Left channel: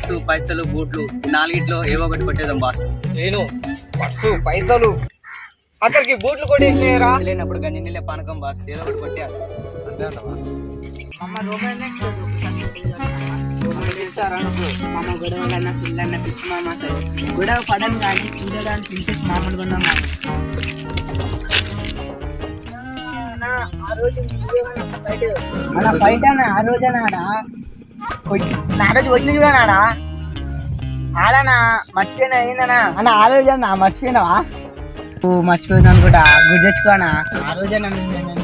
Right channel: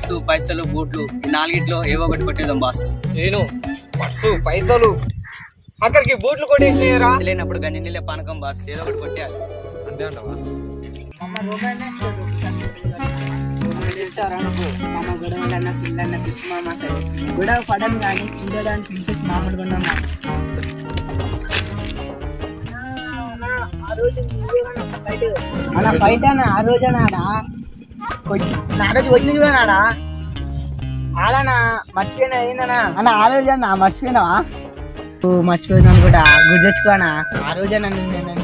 Purse పైసలు బూట్లు ఈ నాలుగిట్లో ఏవో ఒకటి కొట్టేద్దాం బాస్. నేను పర్సు పైసలు అక్కడికి బూట్లు కొట్టేసేయరా. లేనప్పుడు గంజి నీళ్ళ పానకం బాస్, ఏదో ఒకటి కొట్టేయాలి. గొడవలన్న పిల్లన్న పిచ్చి మామ సరే గొడవ పడని కానీ చూడడానికి ఇంట్రెస్ట్ మామూలుగా ఉన్నాం. ఆ రోజు బయట ఆ రోజు ఆడా వచ్చిన చూడనాడా ఆడనా మర్చిపోయినా ఏందనా అన్న ఆ రోజు అన్న మర్చిపోయినావా? మర్చిపోయింది అనుకుంటా గుర్తు తెచ్చుకోనా ఆ రోజేనా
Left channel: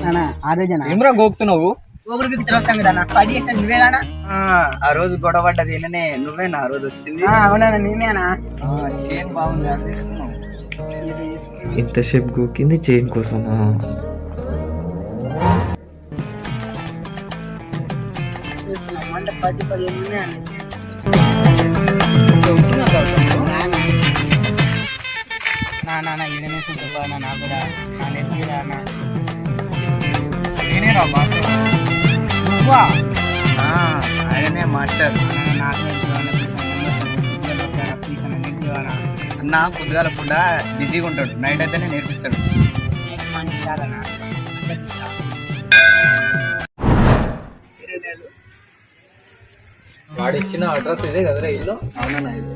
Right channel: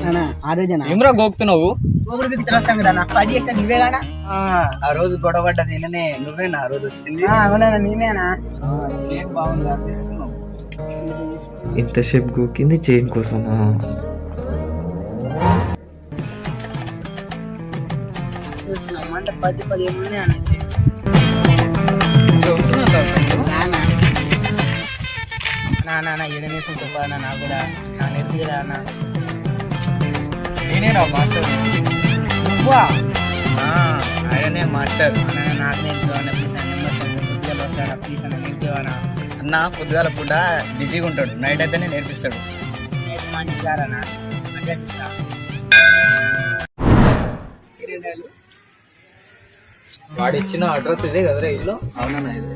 అన్న ఆ రోజేనా ఏమరా గోకుతున్నావు? ఒకరికి తిరగస్తాం కదా పడి చేస్తాను నువ్వేగానా? ఆ రోజు గొడవ పడ్డది నువ్వేనా ఆ రోజు వచ్చింది? అవునా నేనేనా? చైన్ బాగుంది అది తీసుకున్నావు. ఇంతసేపు గోకింది చైన్ కోసమా? అంటే 10-15 ఉన్నాయి అన్న. నా ఎడమేసుకుని చెప్పాలన్నా నాకు కూడా నా నేర్పిరా అన్న. నేనేరా మాస్టర్. నువ్వా? ఆయనే మాస్టర్. నాకు నేర్పివానా ప్లీజ్ అన్న నెంబర్ పొద్దుగాల వస్తాడా ప్లీజ్ అన్న నేర్పివానా? అన్న పొద్దుగాల పూట బిజీగా ఉంటాడు, నైట్ అయితేనే నేర్పిస్తాడు. నేర్పిమానికారన్నా అడ్రస్ ఇస్తా. వాడు ఇచ్చిన అడ్రస్ ఇదే కదరా ఇల్లు? అవునన్నా ఇది.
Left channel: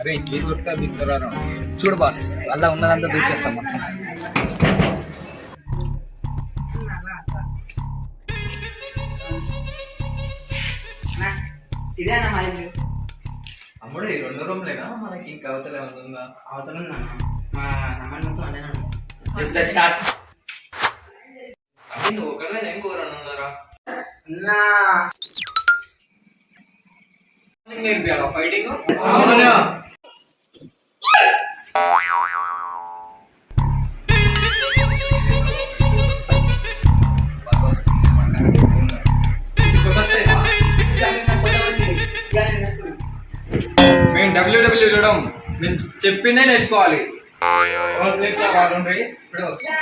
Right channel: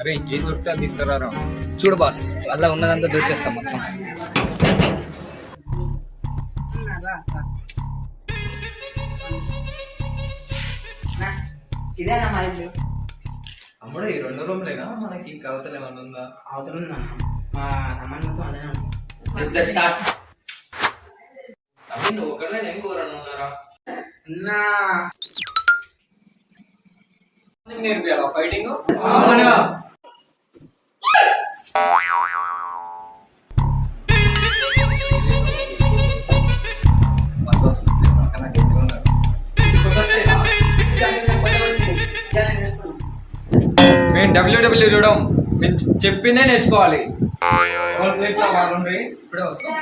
అరే ఇంకేం దొరికితే అది తీసుకురారా. చూడు బాస్, అలా ఉన్నదంతా దూచేస్తాం మొత్తం. ఇదేనా మా ఇల్లు? అమ్ముడు ఈ 2 రూమ్లేగా మనకి కవతలు ఏమైనా ఉందా? అవతల ఉందన్న మా అమ్మతో అదే స్టార్ట్. అవి నువ్వు ఒకటే ఏం కూరన్నారా? అన్నా నేర్పియాలా ఫైటింగ్? మేము డబ్ల్యూడబ్ల్యూ చూడడం, మేము చెప్పిందే నేర్చుకోవాలి. ఇప్పుడే వస్తాం.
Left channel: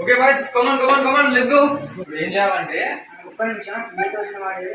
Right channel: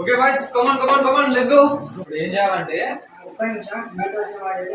Okay boys, come on let's go. ఇప్పుడు ఏం చేయాలంటే ఒక్క నిమిషం మీతో వచ్చిన వాడు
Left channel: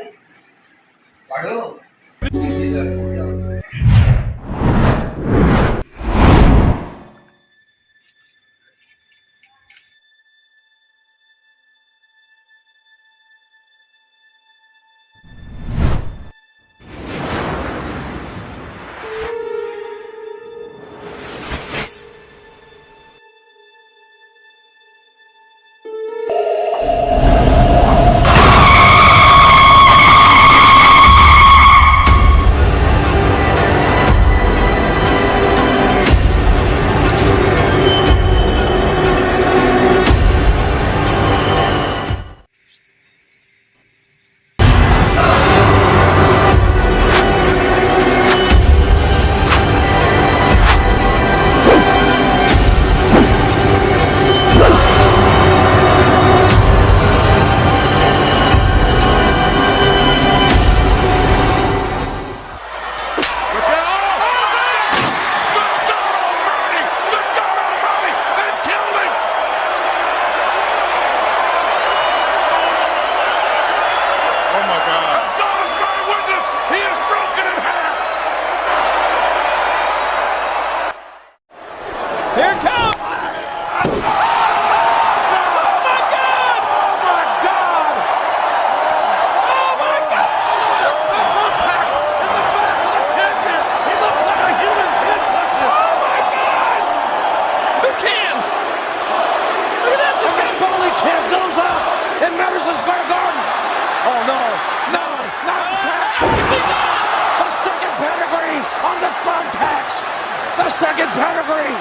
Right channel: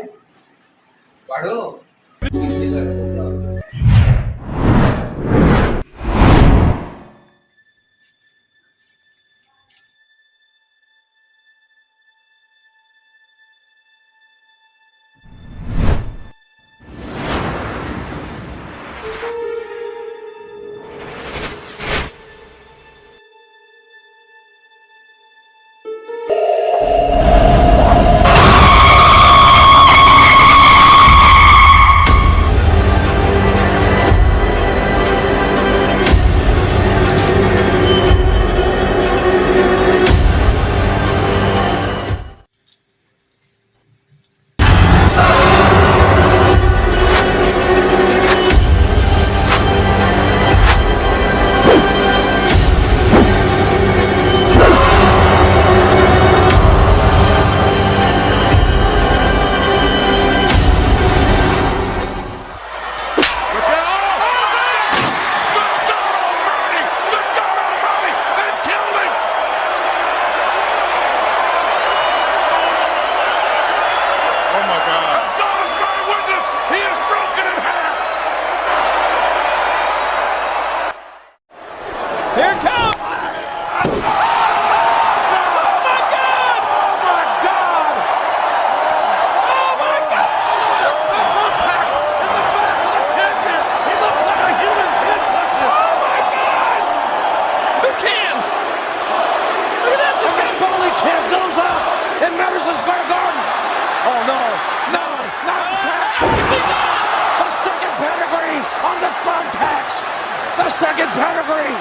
the second pedigree.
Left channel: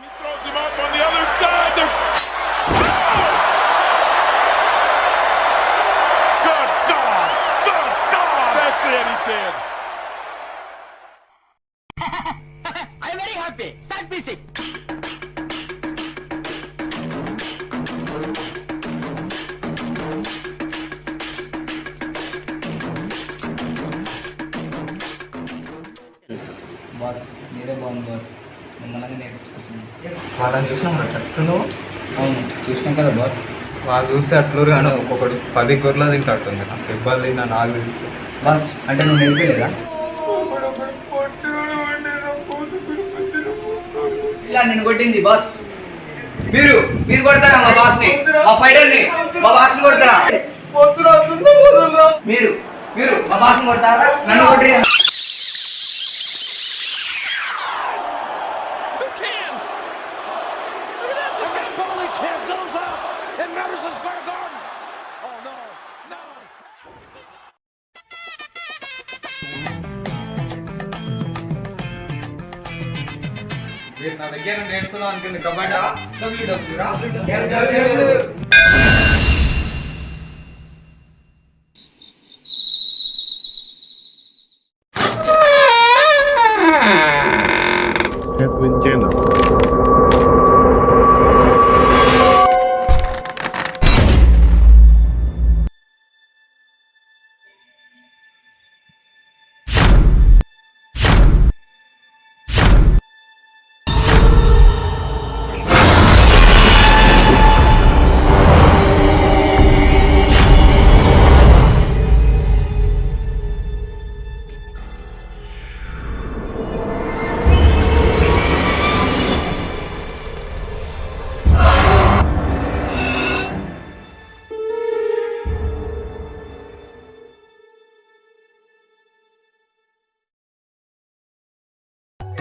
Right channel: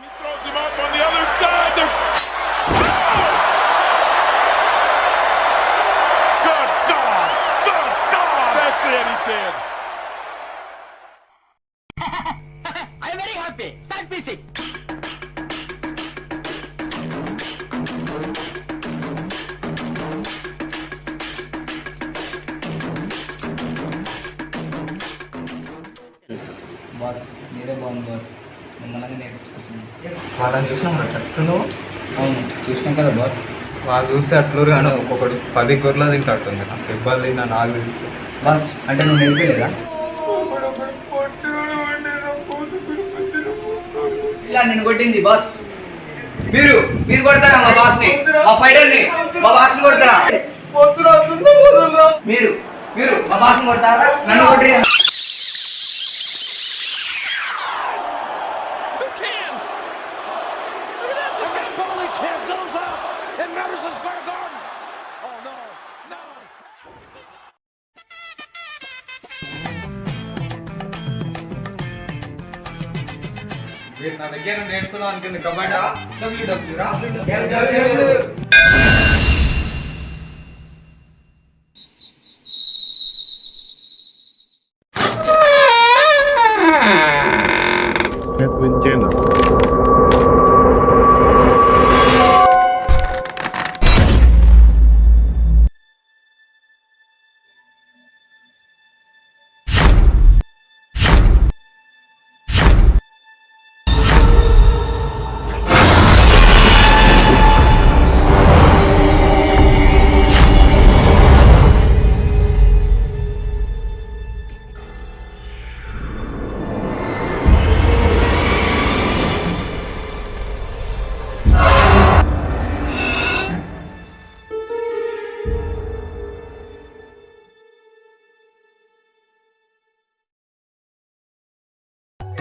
He throws him up on the other side. There's good dog. Good dog. That's it. He's dead. I'm very happy. Start music. Boss మీరే బాగుంది బాస్, నిమ్మలంగా నేర్పించుకొస్తున్నాను. వాళ్ళని చూసినా మరి కరెక్ట్ నువ్వు అవును చూసినాం కదా బాస్. వాళ్ళు చూస్తే అట్లూరు కానీ ఒక్కొక్కడు 10 గొర్రెలు తింటాడుతుంది నాకు ఇబ్బంది తిన్నా నాకు తెలుసు. బాస్ అంటే నువ్వు నేర్పలేదా? ఇలా నేను కొట్టింది బాస్. మీరు కొడతారా మా బాస్ ని, మా ఫైటర్ ని, మా బాస్ ని కొడతారా? మీరు మా బాస్ ని కొడతారా? నన్ను కొట్టి మీరు నా దగ్గర నేర్చుకుందాం అనుకుంది కబడ్డా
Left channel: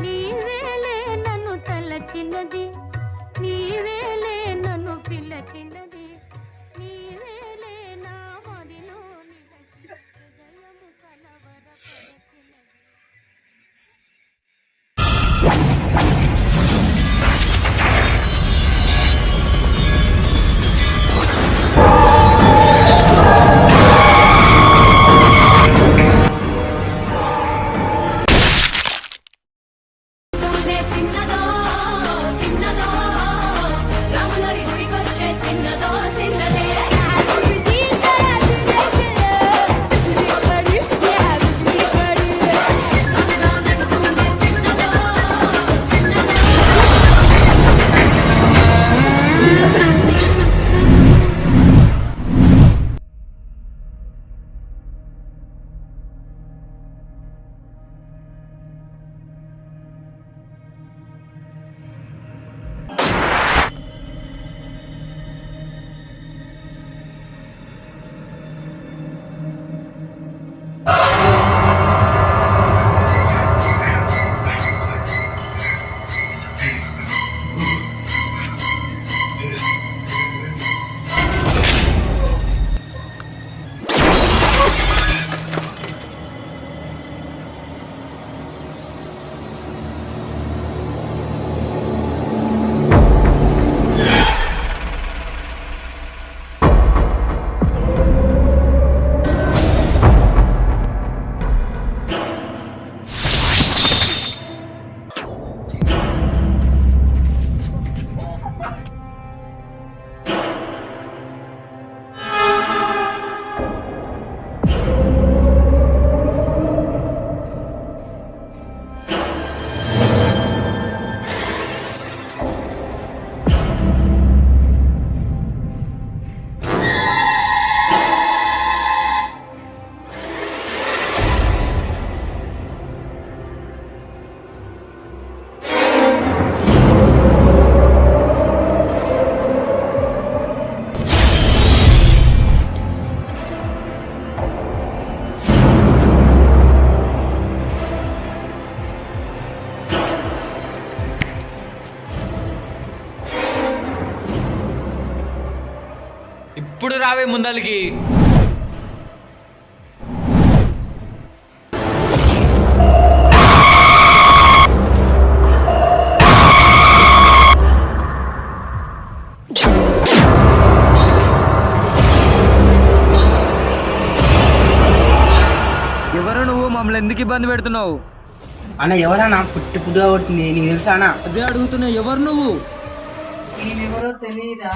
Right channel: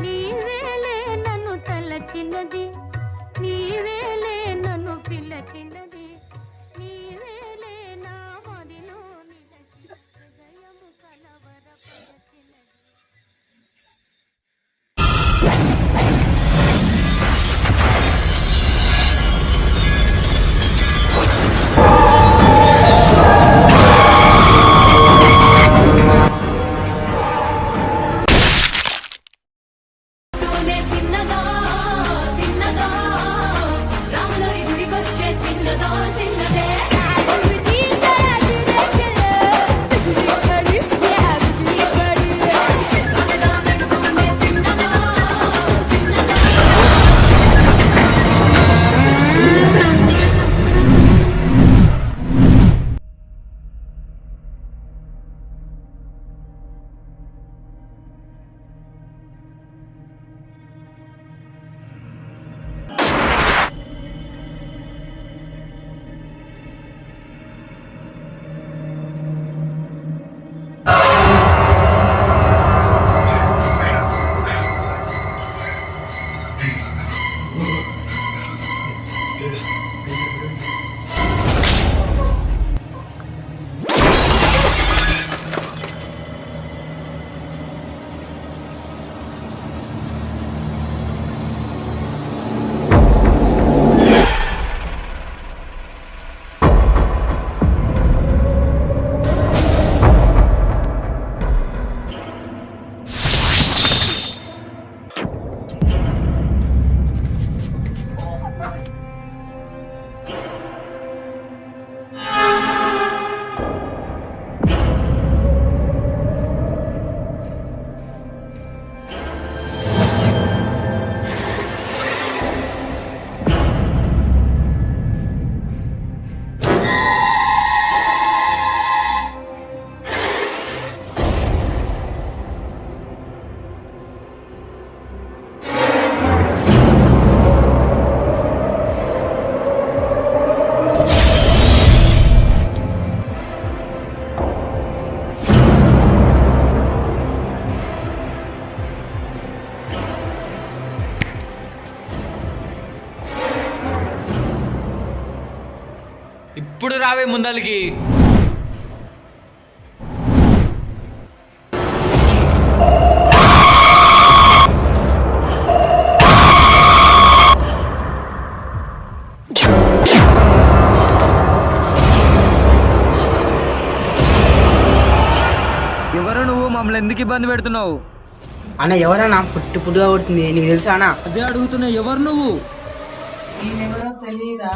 నీవేలే నన్ను తలచినది, నీవేలే నన్ను పిలచినది, నీవేలే నా మదిలో నిలచి హృదయము కలవరపరచినది. ఇప్పుడు రావే ముందలికి. ఎవరు నువ్వు? మమ్మల్ని ఎందుకు ఇబ్బంది పెడుతున్నావు? అన్న ఎవరన్నా పుట్టుగా కొడుతుంది నీకు తెలుసా అన్న? అదే అడుగుతున్నా, ఎవరు నువ్వు? నేనెవరో తెలీదా?